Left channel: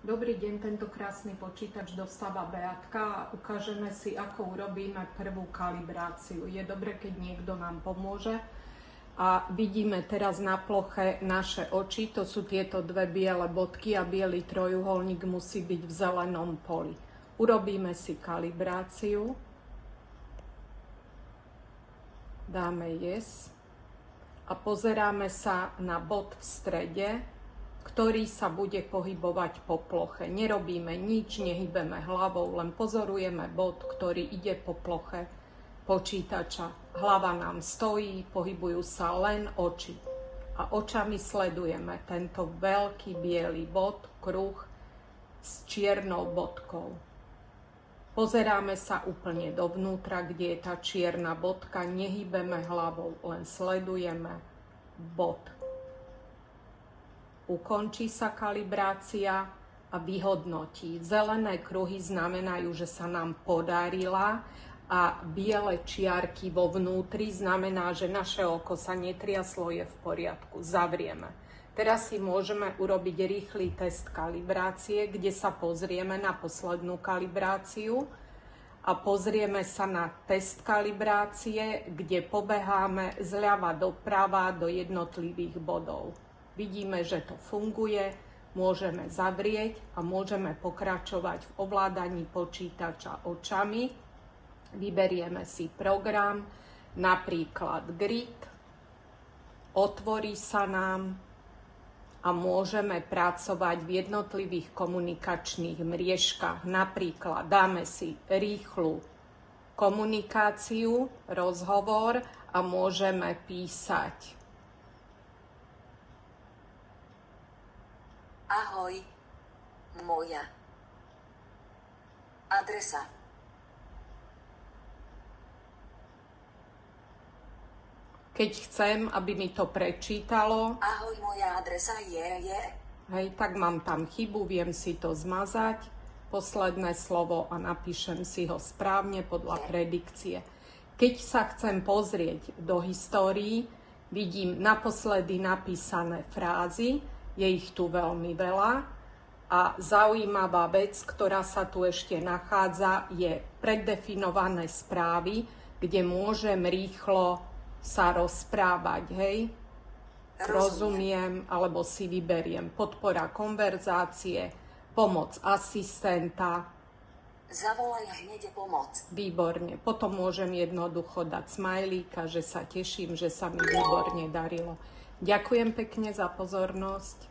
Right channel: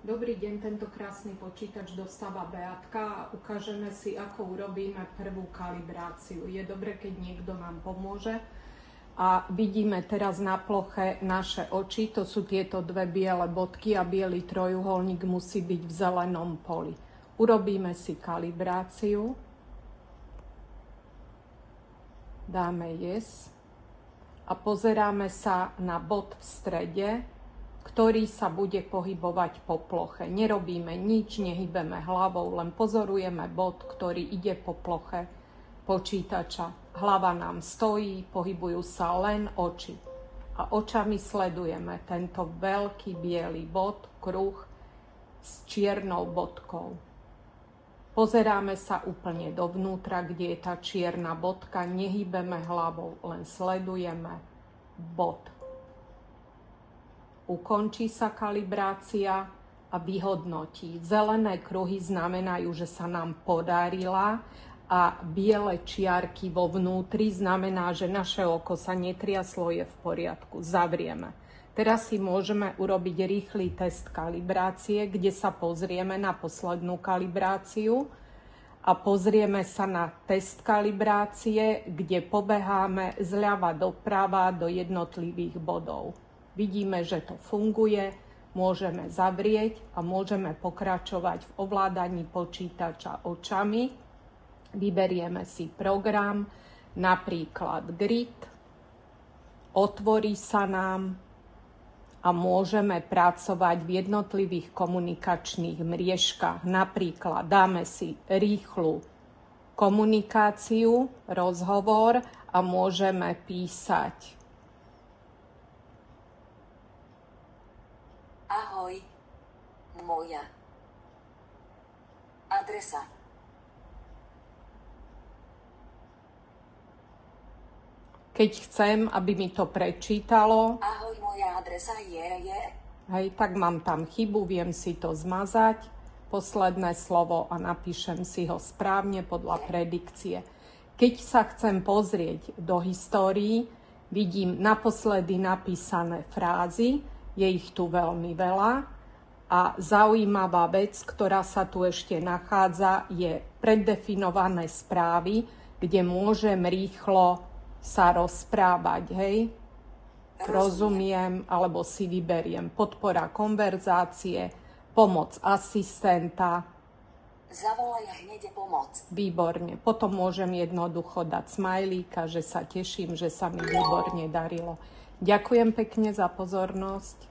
Dobrý deň, tento krásny počítač dostáva Beatka a ukážeme si, ako urobíme prvú kalibráciu. Je dobre, keď niekto nám pomôže. A vidíme teraz na ploche naše oči, to sú tieto dve biele bodky a biely trojuholník musí byť v zelenom poli. Urobíme si kalibráciu. Dáme yes a pozeráme sa na bod v strede, ktorý sa bude pohybovať po ploche. Nerobíme nič, nehybeme hlavou, len pozorujeme bod, ktorý ide po ploche počítača. Hlava nám stojí, pohybujú sa len oči. A očami sledujeme tento veľký biely bod, kruh s čiernou bodkou. Pozeráme sa úplne dovnútra, kde je tá čierna bodka, nehybeme hlavou, len sledujeme bod. Ukončí sa kalibrácia a vyhodnotí. Zelené kruhy znamenajú, že sa nám podarila a biele čiarky vo vnútri znamená, že naše oko sa netriaslo, je v poriadku. Zavrieme. Teraz si môžeme urobiť rýchly test kalibrácie, kde sa pozrieme na poslednú kalibráciu a pozrieme sa na test kalibrácie, kde pobeháme zľava doprava do jednotlivých bodov. Vidíme, že to funguje, môžeme zavrieť a môžeme pokračovať v ovládaní počítača očami. Vyberieme si program, napríklad Grid, otvorí sa nám a môžeme pracovať v jednotlivých komunikačných mriežkach. Napríklad dáme si rýchlu komunikáciu, rozhovor a môžeme písať. Ahoj, moja adresa. Keď chcem, aby mi to prečítalo, Ahoj, moja adresa je. Hej, tak mám tam chybu, viem si to zmazať, posledné slovo a napíšem si ho správne podľa predikcie. Keď sa chcem pozrieť do histórií, vidím naposledy napísané frázy, je ich tu veľmi veľa a zaujímavá vec, ktorá sa tu ešte nachádza, je preddefinované správy, kde môžem rýchlo sa rozprávať, hej? Rozumiem, alebo si vyberiem podpora konverzácie, pomoc asistenta. Zavolaj hneď pomoc. Výborne. Potom môžem jednoducho dať smajlíka, že sa teším, že sa mi výborne darilo. Ďakujem pekne za pozornosť.